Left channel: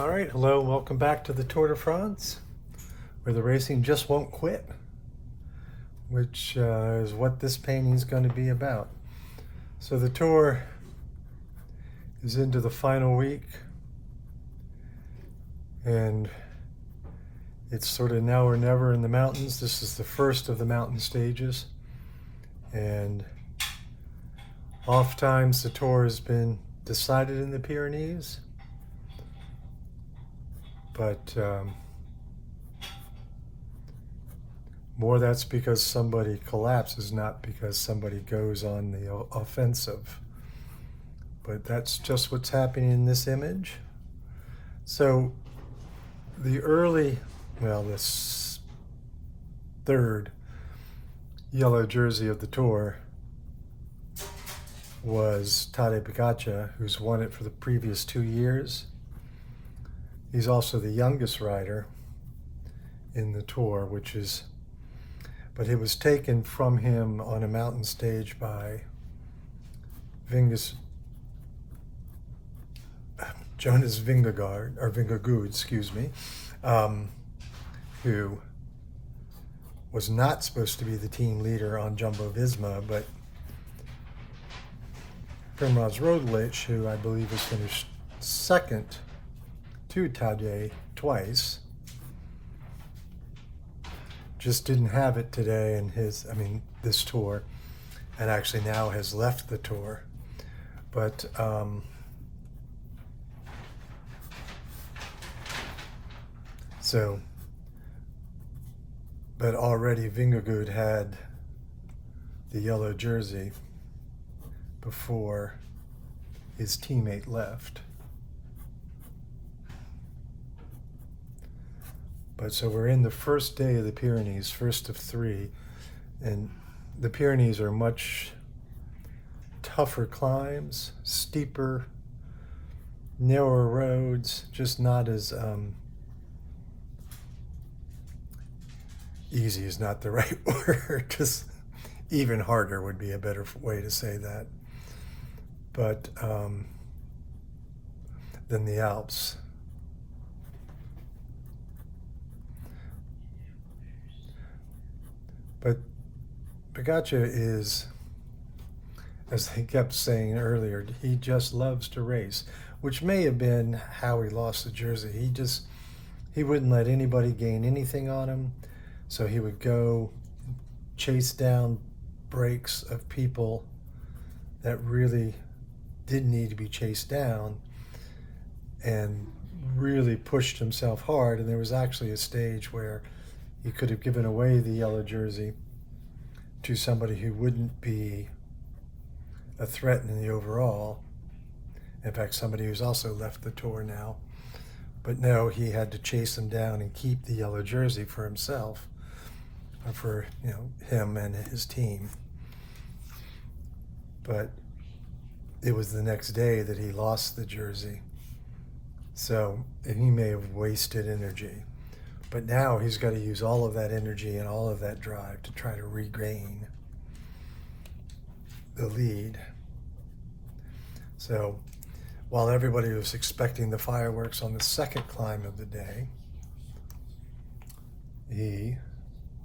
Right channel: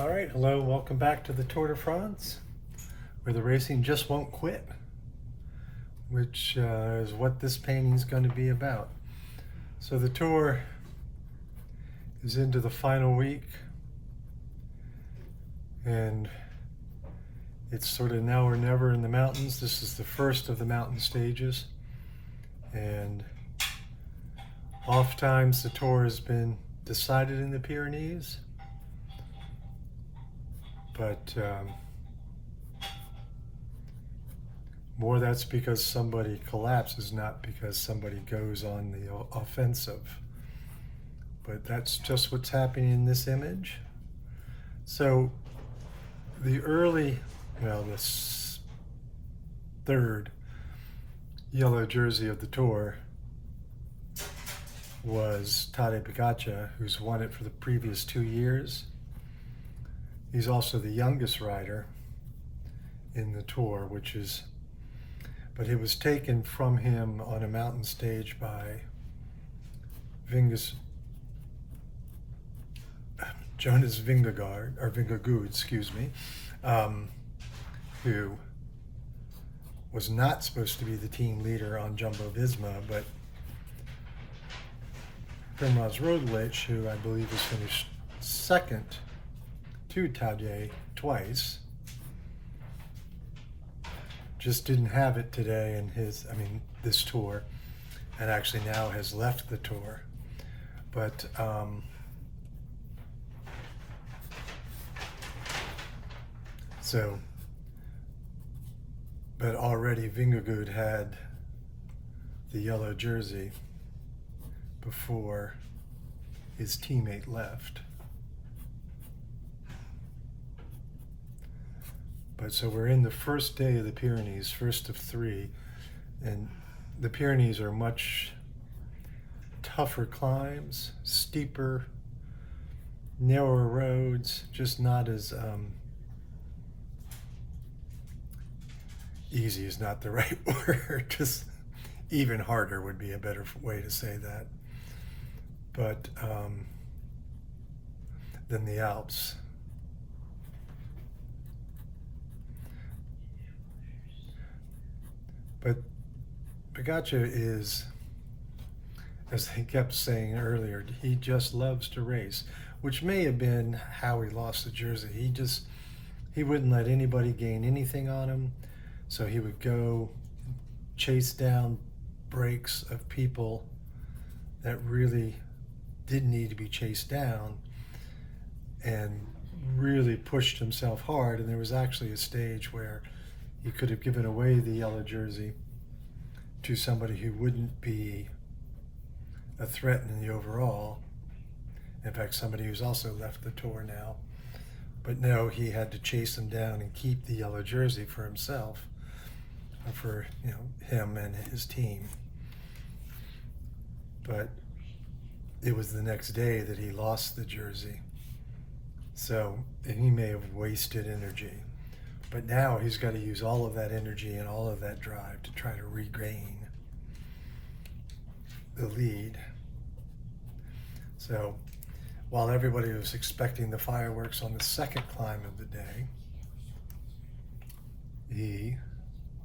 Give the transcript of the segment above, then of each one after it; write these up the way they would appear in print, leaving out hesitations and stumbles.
All right, hello and welcome back to the Tour de France, where the racing just won't quit, which is what this painting is going to be about. So the Tour is into the final week, and it's sort of now or never in the mountains. This is the first of the mountain stages, and oftentimes the Tour has been decided in the Pyrenees. But more that's because somebody collapses, not because somebody goes on the offensive. But that's just what's happening in this image. So the third yellow jersey of the Tour was Tadej Pogačar, who's won it for the previous 2 years. He's also the youngest rider in the Tour, but it was taken from him on a mountain stage by Jonas Vingegaard, who was not supposed to be the team leader on Jumbo-Visma, but Primož Roglič, who I believe has finished second to Tadej twice, just didn't have it today in this tour, and actually now has left the Tour. But but already Vingegaard had the yellow jersey before his teammate left. But so we're in the first day of the Pyrenees, first of 3, and the Pyrenees are much tougher climbs, steeper, narrower roads, just not as easy is not the right word, just even harder would be a better way to say that. But than the Alps. But Pogačar is, as they kept saying earlier, he just loves to race, which may have been how he lost the jersey. He wouldn't let anybody gain anything on him, so he would go chase down breaks of people that really did need to be chased down, and really pushed himself hard. And there was actually a stage where he could have given away the yellow jersey to somebody who wouldn't be a threat in the overall. In fact, somebody who's also left the Tour now. But no, he had to chase him down and keep the yellow jersey for himself, or for him and his team. But it was the next day that he lost the jersey. So he may have wasted energy. But now he's got to use all of that energy and all of that drive to try to regain the lead. So while everybody was expecting the fireworks on the second climb of the day, he,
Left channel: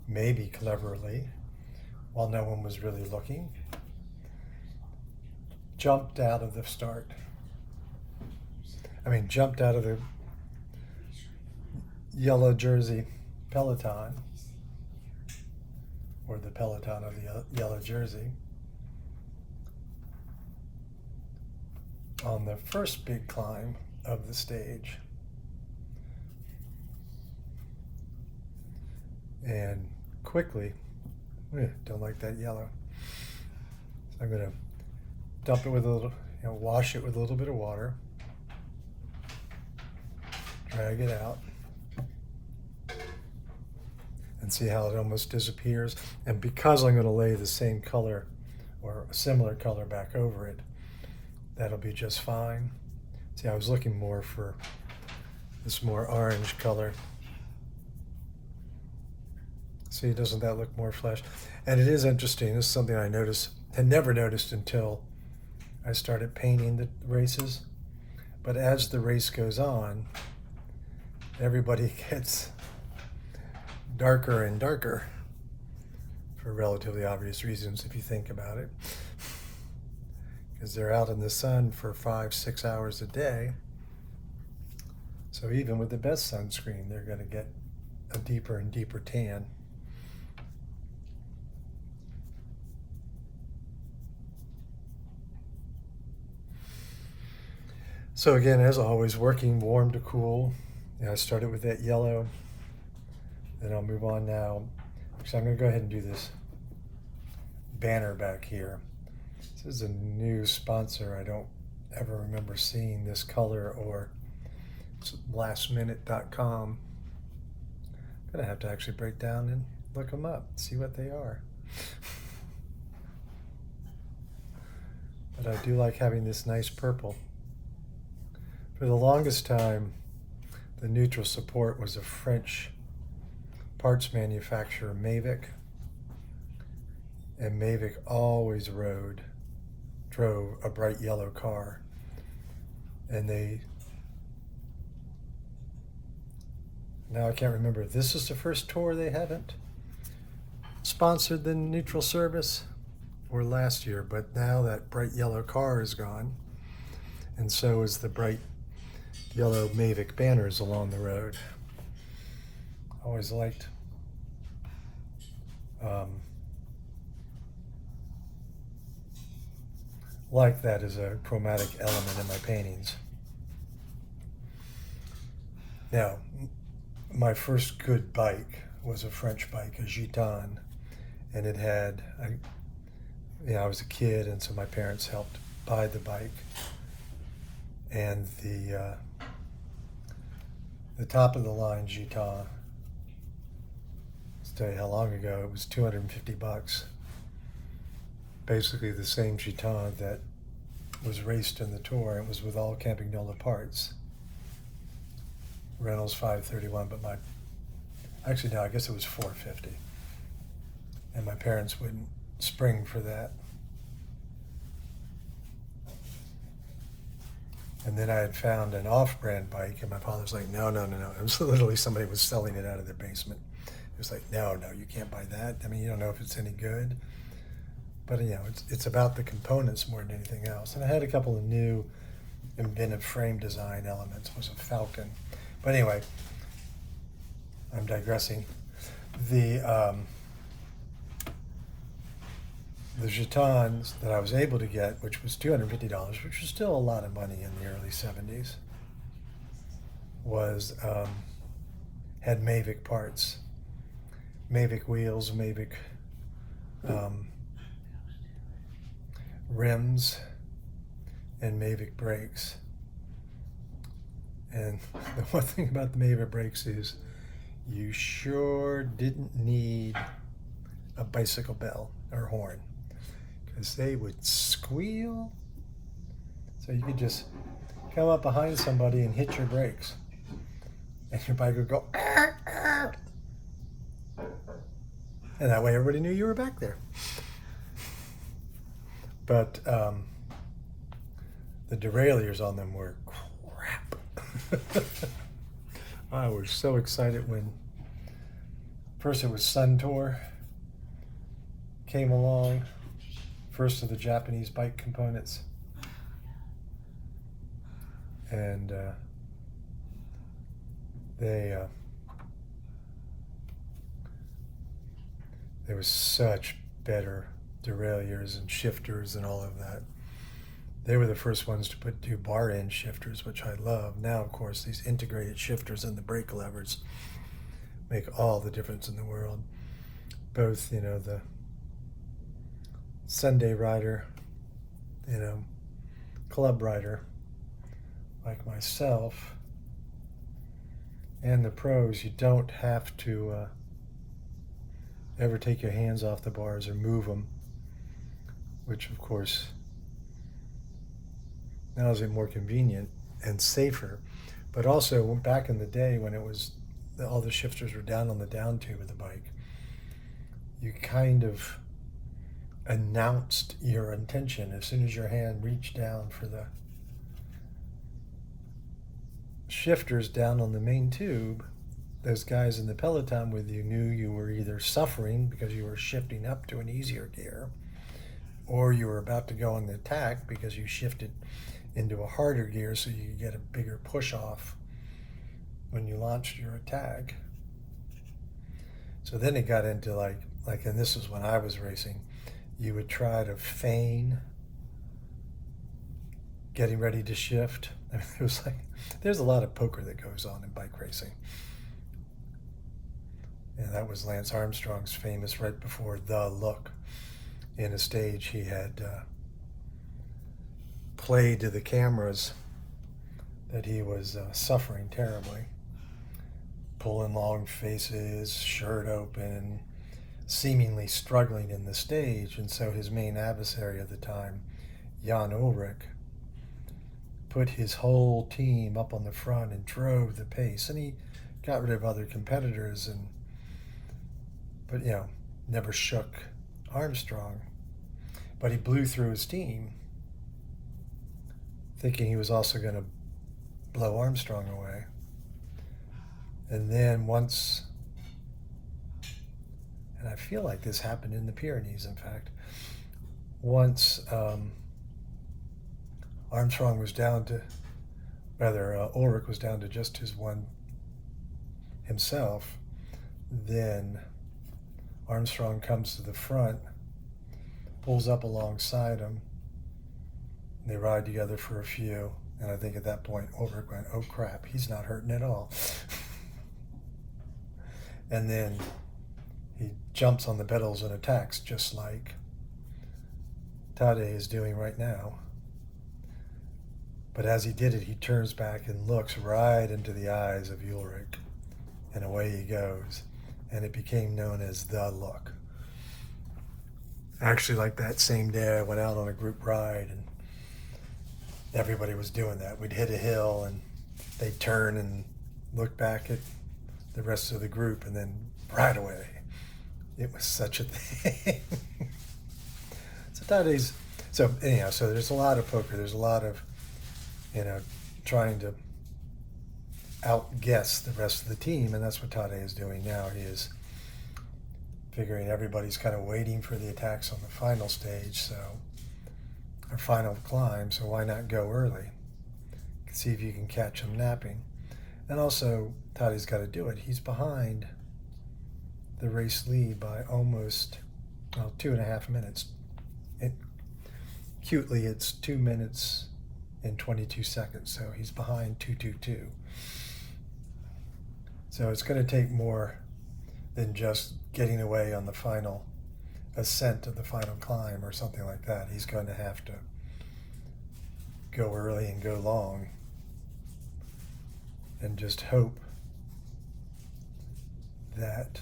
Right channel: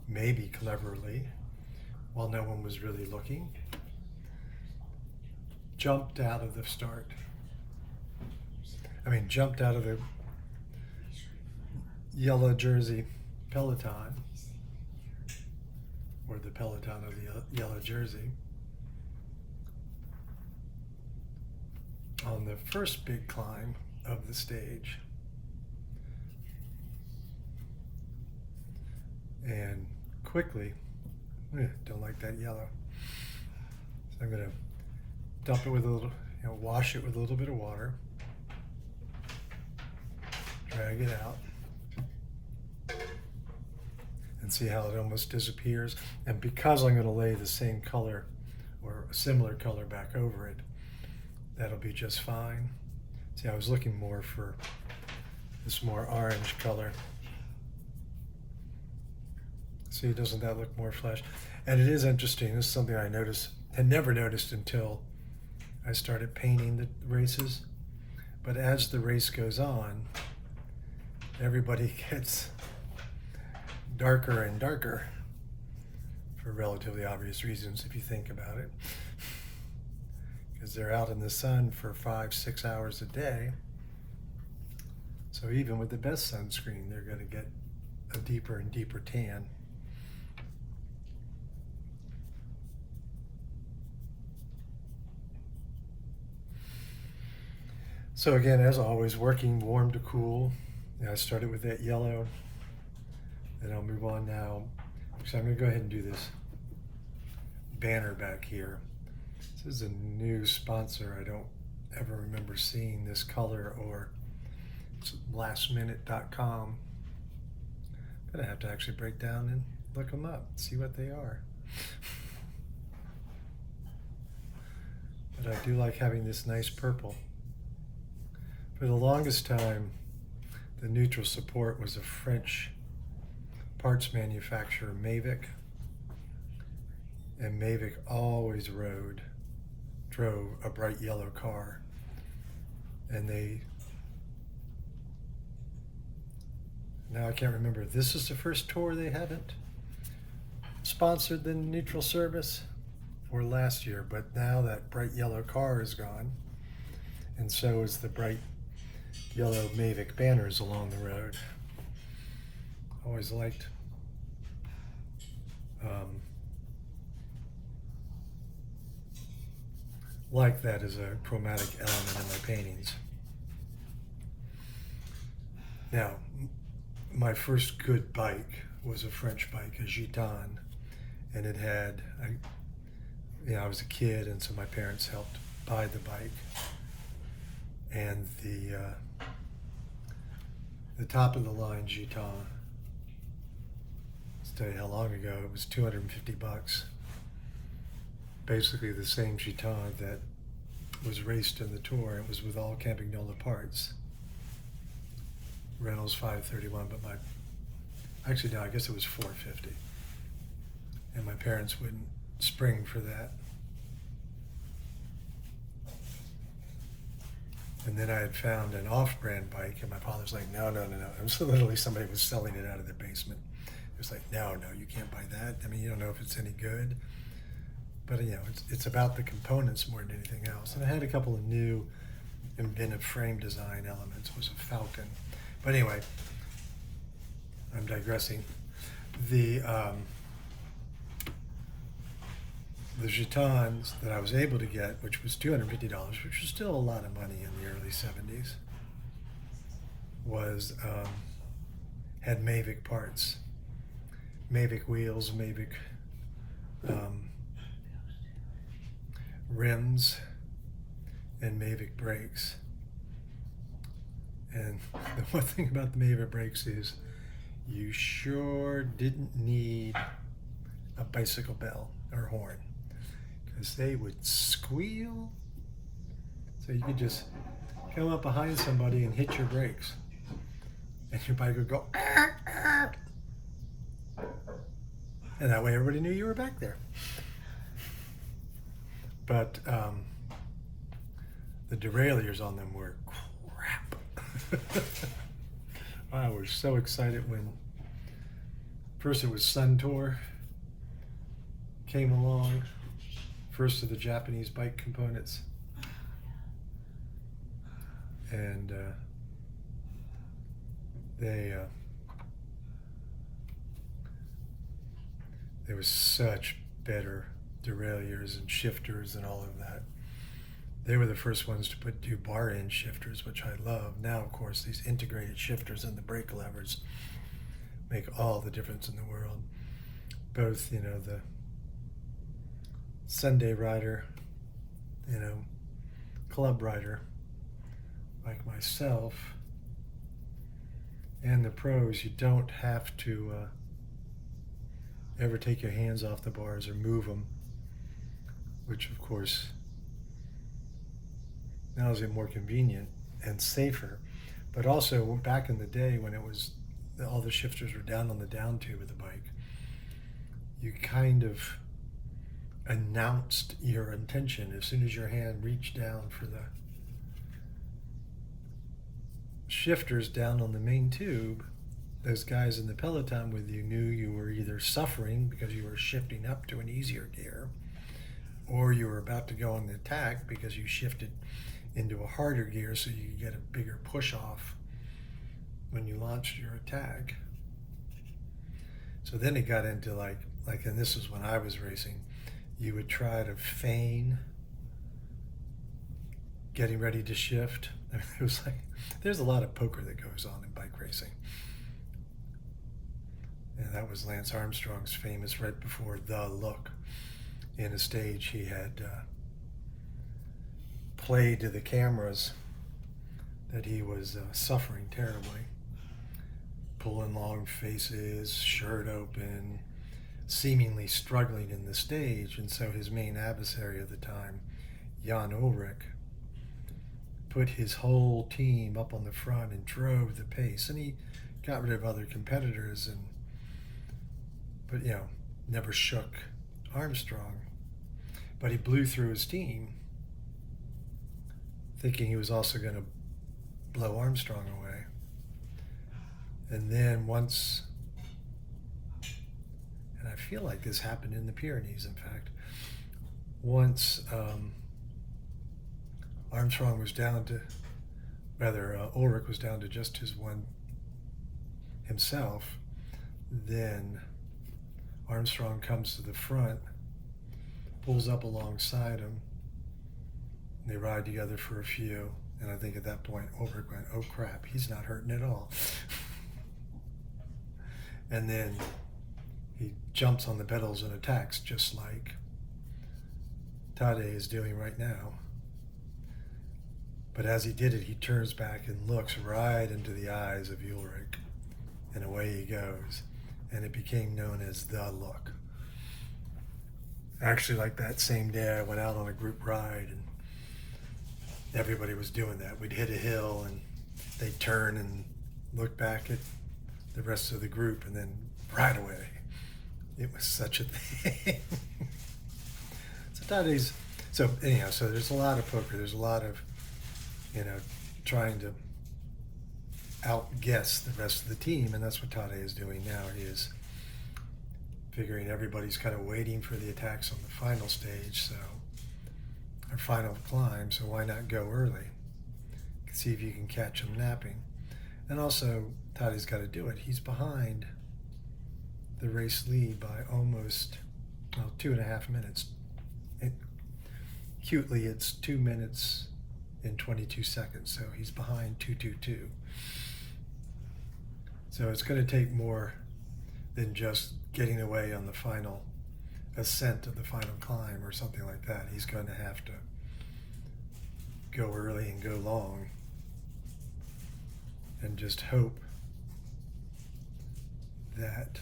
maybe cleverly, while no one was really looking, jumped out of the yellow jersey peloton, or the peloton of the yellow jersey, on the first big climb of the stage, and quickly, don't like that yellow, so I'm going to dump it with a little, wash it with a little bit of water, drag it out, and see how it almost disappears. And because I'm going to lay the same color or a similar color back over it, that'll be just fine. See, I was looking more for this more orange color. See, doesn't that look more flesh? And it is interesting. This is something I had never noticed until I started painting the races. But as the race goes on, everybody gets darker and darker for relatively obvious reasons if you think about it. Because they're out in the sun for 5-6 hours a day. So even with the best sunscreen, they're going to get a deeper and deeper tan. So again, as always, working warm to cool. I started with that yellow, then I'll move on now. So I'm going to go ahead and do this banner back here. This is a new sponsor. I don't ever remember seeing this color, or it's lastminute.com. I'm going to have to actually break down and look them up, see what they are. But I do like having this nice purple. For the longest time, the neutral support was a French parts manufacturer, Mavic. And Mavic always drove a bright yellow car. And now I can't remember if this is the first tour they haven't sponsored the neutral service, or last year, but now that bright yellow car is gone, and so is the bright yellow Mavic banners along the road. Always liked like that as a chromatic element in my paintings. Now, my first good bike was a French bike, a Gitane, and it had, I was a kid, and so my parents helped buy the bike. And the top of the line Gitane, let's tell you how long ago, it was $250. Basically the same Gitane that was raced in the tour. It was with all Campagnola parts. Reynolds 531, but actually no, I guess it was $450. And my parents wouldn't spring for that. And then I had found an off-brand bike, and my father's like, no. It was literally somebody was selling it out of their basement. It was like, no, you can't buy that. I mean, you don't know if it's any good. But it's about the components more than anything else. And I had a couple of new inventive frame design elements. It was a Falcon. But anyway, I'm digressing. The Gitanes that I was able to get, which was $250, which was still a lot of money in the early 70s, had Mavic parts, Mavic wheels, Mavic rims, and Mavic brakes. And the one thing about the Mavic brakes is you sure didn't need a bicycle bell or horn, because they would squeal. So you could just come up behind somebody and hit your brakes, and your bike would go, "Arr, arr." And that way everybody knew you were back there. But the derailleurs on them were crap. I was so excited when first it was Suntour came along, first of the Japanese bike components, and there was such better derailleurs and shifters and all of that. They were the first ones to do bar end shifters, which I love. Now, of course, these integrated shifters and the brake levers make all the difference in the world. Both, the Sunday rider, club rider like myself, and the pros, you don't have to ever take your hands off the bars or move them, which of course now is more convenient and safer. But also back in the day when it was all the shifters were down on the down tube of the bike, you kind of announced your intention as soon as your hand reached down for shifters down on the main tube, those guys in the peloton with you knew you were either suffering because you were shifting up to an easier gear, or you were about to go on the attack because you shifted into a harder gear so you could get a bigger push off when you launched your attack. So then it got into like, and this is when I was racing, you would try to feign getting ready to shift. It was like, there's a lot of poker that goes on in bike racing. And that was Lance Armstrong's famous right before the look. In a stage, he had played to the cameras that he was suffering terribly, pulling long faces, shirt open, seemingly struggling in the stage. And so his main adversary at the time, Jan Ulrich, put his whole team up on the front and drove the pace. And he got rid of other competitors, but never shook Armstrong. But he blew through his team, thinking he was also going to blow Armstrong away. And then once, and I feel like this happened in the Pyrenees, in fact, once Armstrong was down to, Ulrich was down to just his one himself, then Armstrong comes to the front, pulls up alongside him, and they ride together for a few. And I think at that point, Ulrich went, oh crap, he's not hurting at all. And then he jumps on the pedals and attacks just like Tadej is doing right now. But as he did it, he turns back and looks right into the eyes of Ulrich, and away he goes. And it became known as the look. Actually, like that same day, I went out on a group ride, and everybody was doing that. We'd hit a hill, and they'd turn and look back at the rest of the group, and then right away, it was such a thing. So anyhow, so there's a lot of poker. There's a lot of, trying to outguess the rest of the team, and that's what Tadej is doing now. He is figuring everybody's kind of waiting for the attacks on the final stage, or final climb, so why not go early? See if you can catch him napping. And also, Tadej's got to do it. He's behind the race lead by almost 2.5 minutes. Cutely, it's 2 minutes and 22 seconds, so he's behind 2:22. So it's going to take more than just getting away on the final ascent of the final climb or something like that. He's going to have to go early and go long and just hope that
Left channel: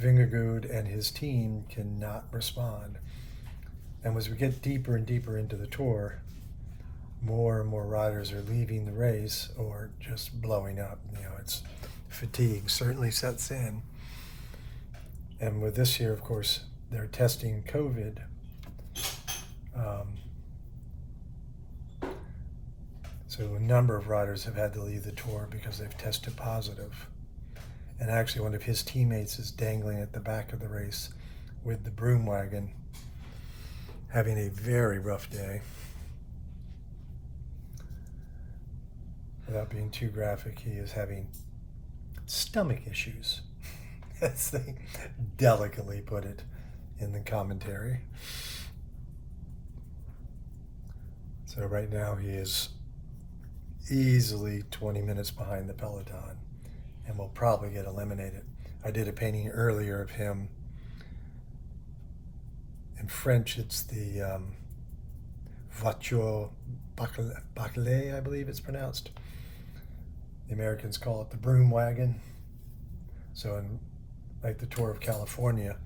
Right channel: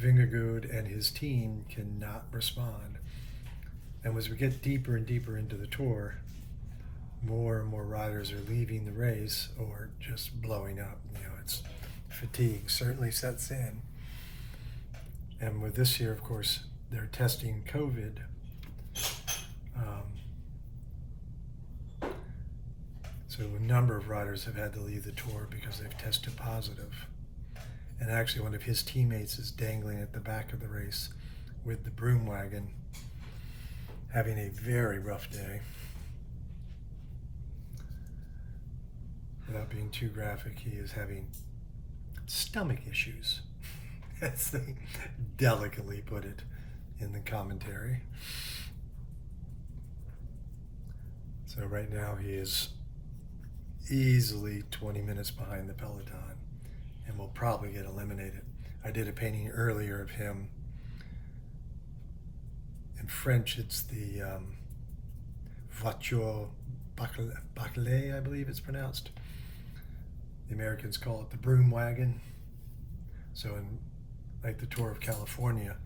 Vingegaard and his team cannot respond. And as we get deeper and deeper into the tour, more and more riders are leaving the race or just blowing up. It's fatigue certainly sets in. And with this year, of course, they're testing COVID. So a number of riders have had to leave the tour because they've tested positive. And actually one of his teammates is dangling at the back of the race with the broom wagon, having a very rough day. Without being too graphic, he is having stomach issues, as they delicately put it in the commentary. So right now he is easily 20 minutes behind the peloton and will probably get eliminated. I did a painting earlier of him. In French, it's the voiture bâclée, I believe it's pronounced. The Americans call it the broom wagon. So in like the Tour of California,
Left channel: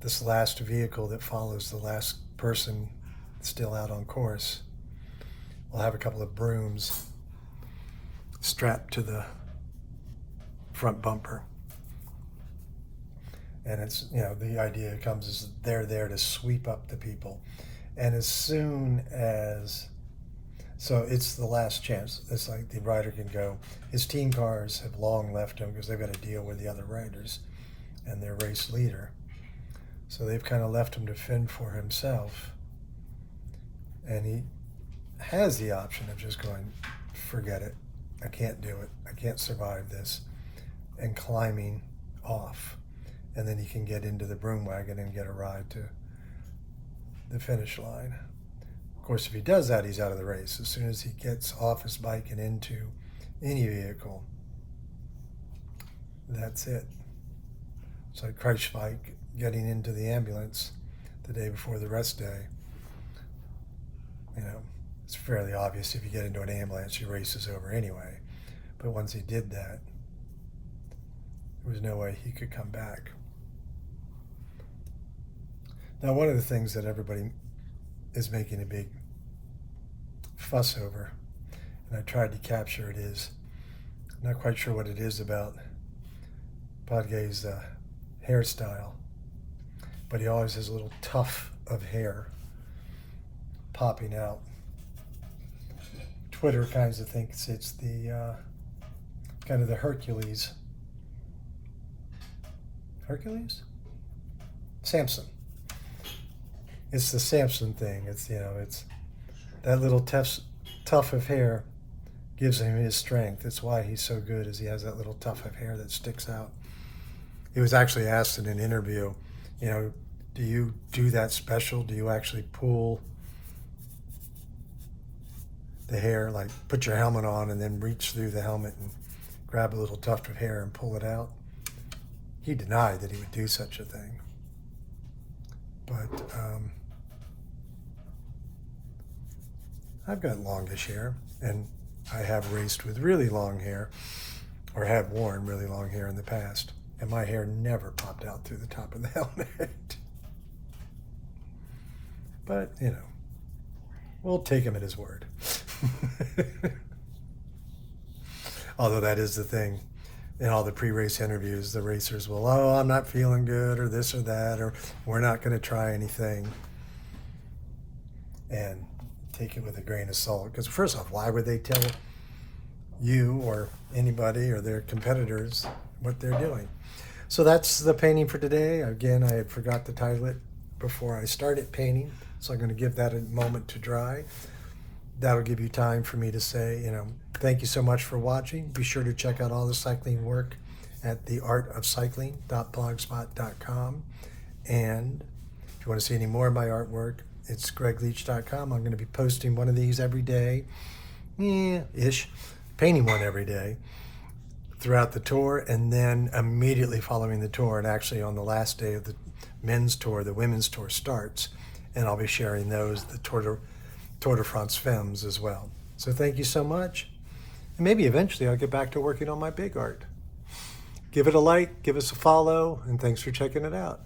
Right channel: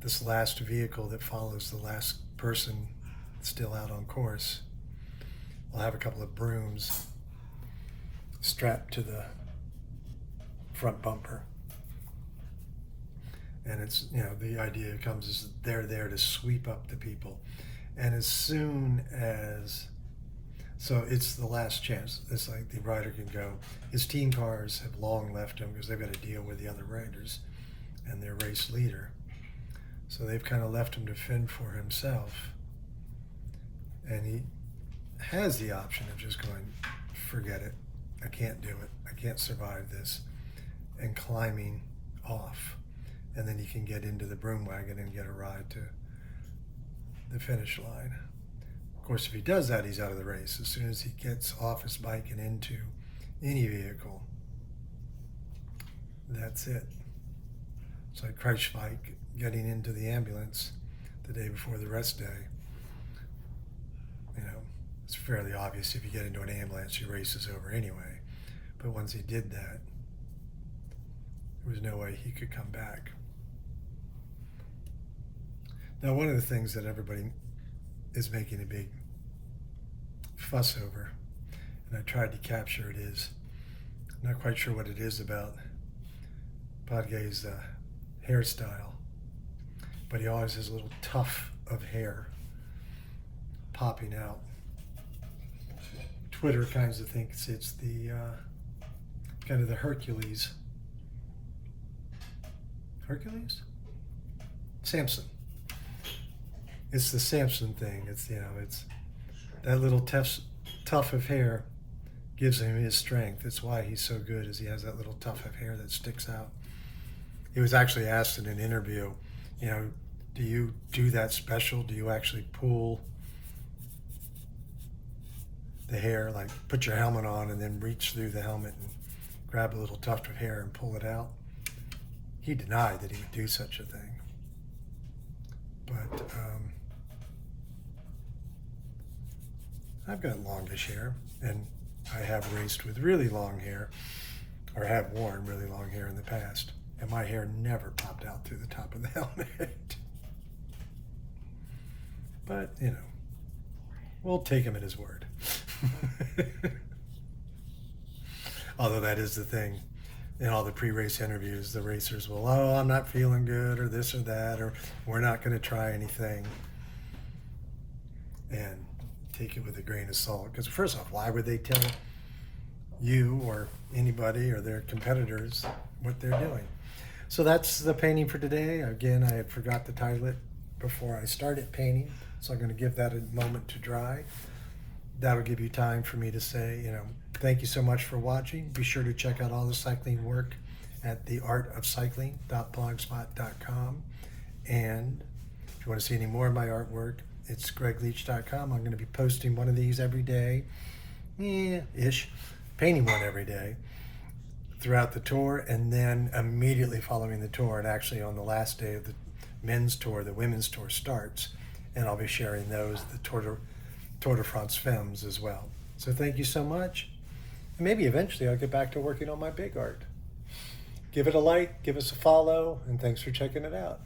this last vehicle that follows the last person still out on course will have a couple of brooms strapped to the front bumper. And it's, the idea comes is they're there to sweep up the people. And as soon as So it's the last chance. It's like the rider can go. His team cars have long left him because they've got to deal with the other riders and their race leader. So they've kind of left him to fend for himself. And he has the option of just going, forget it. I can't do it. I can't survive this. And climbing off. And then he can get into the broom wagon and get a ride to the finish line. Of course, if he does that, he's out of the race. As soon as he gets off his bike and into any vehicle, that's it. It's like Kreuzweig getting into the ambulance the day before the rest day. You know, it's fairly obvious if you get into an ambulance, your race is over anyway. But once he did that, there was no way he could come back. Now, one of the things that everybody is making a big fuss over, and I tried to capture it, is I'm not quite sure what it is about Podgay's hairstyle, but he always has a little tuft of hair popping out. Twitter kinds of thinks it's the kind of the Hercules? Samson. It's the Samson thing. It's, you know, it's that little tuft of hair gives him his strength. It's why he's so good, is he has that little tuft of hair that sticks out. He was actually asked in an interview, you know, do you do that special? Do you actually pull the hair, like put your helmet on and then reach through the helmet and grab a little tuft of hair and pull it out? He denied that he would do such a thing. But I've got longish hair, and I have raced with really long hair, or have worn really long hair in the past, and my hair never popped out through the top of the helmet. But, you know, we'll take him at his word. Although that is the thing. In all the pre-race interviews, the racers will, oh, I'm not feeling good, or this or that, or we're not going to try anything. And take it with a grain of salt. Because first off, why would they tell you or anybody or their competitors what they're doing? So that's the painting for today. Again, I forgot to title it before I started painting, so I'm going to give that a moment to dry. That'll give you time for me to say, you know, thank you so much for watching. Be sure to check out all the cycling work at theartofcycling.blogspot.com. And if you want to see any more of my artwork, it's gregleach.com. I'm going to be posting one of these every day, painting one every day throughout the tour, and then immediately following the tour, and actually on the last day of the men's tour, the women's tour starts, and I'll be sharing those, the Tour de France films as well. So thank you so much. And maybe eventually I'll get back to working on my big art. Give it a like, give us a follow, and thanks for checking it out.